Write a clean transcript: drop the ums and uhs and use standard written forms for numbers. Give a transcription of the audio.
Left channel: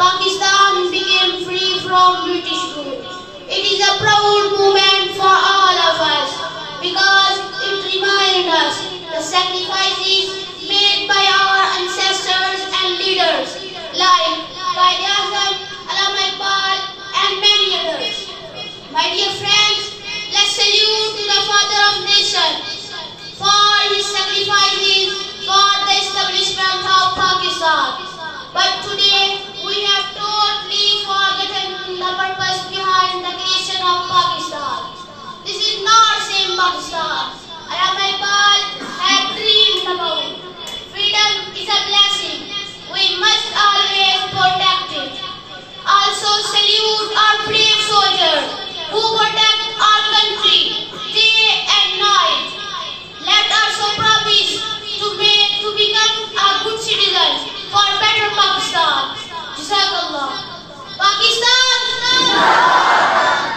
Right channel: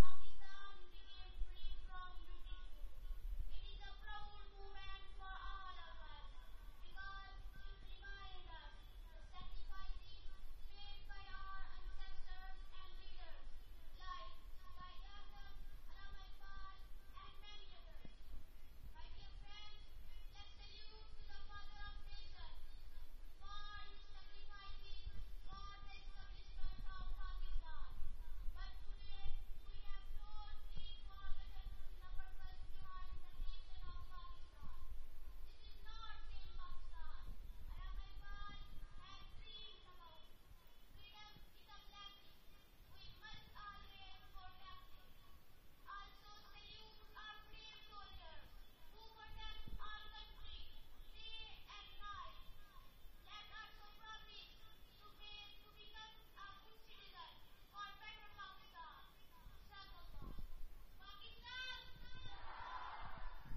Pakistan became free from British rule. It is a proud moment for all of us because it reminds us the sacrifices made by our ancestors and leaders like Quaid Azam, Allama Iqbal and many others. My dear friends, let's salute to the father of nation for his sacrifices for the establishment of Pakistan. But today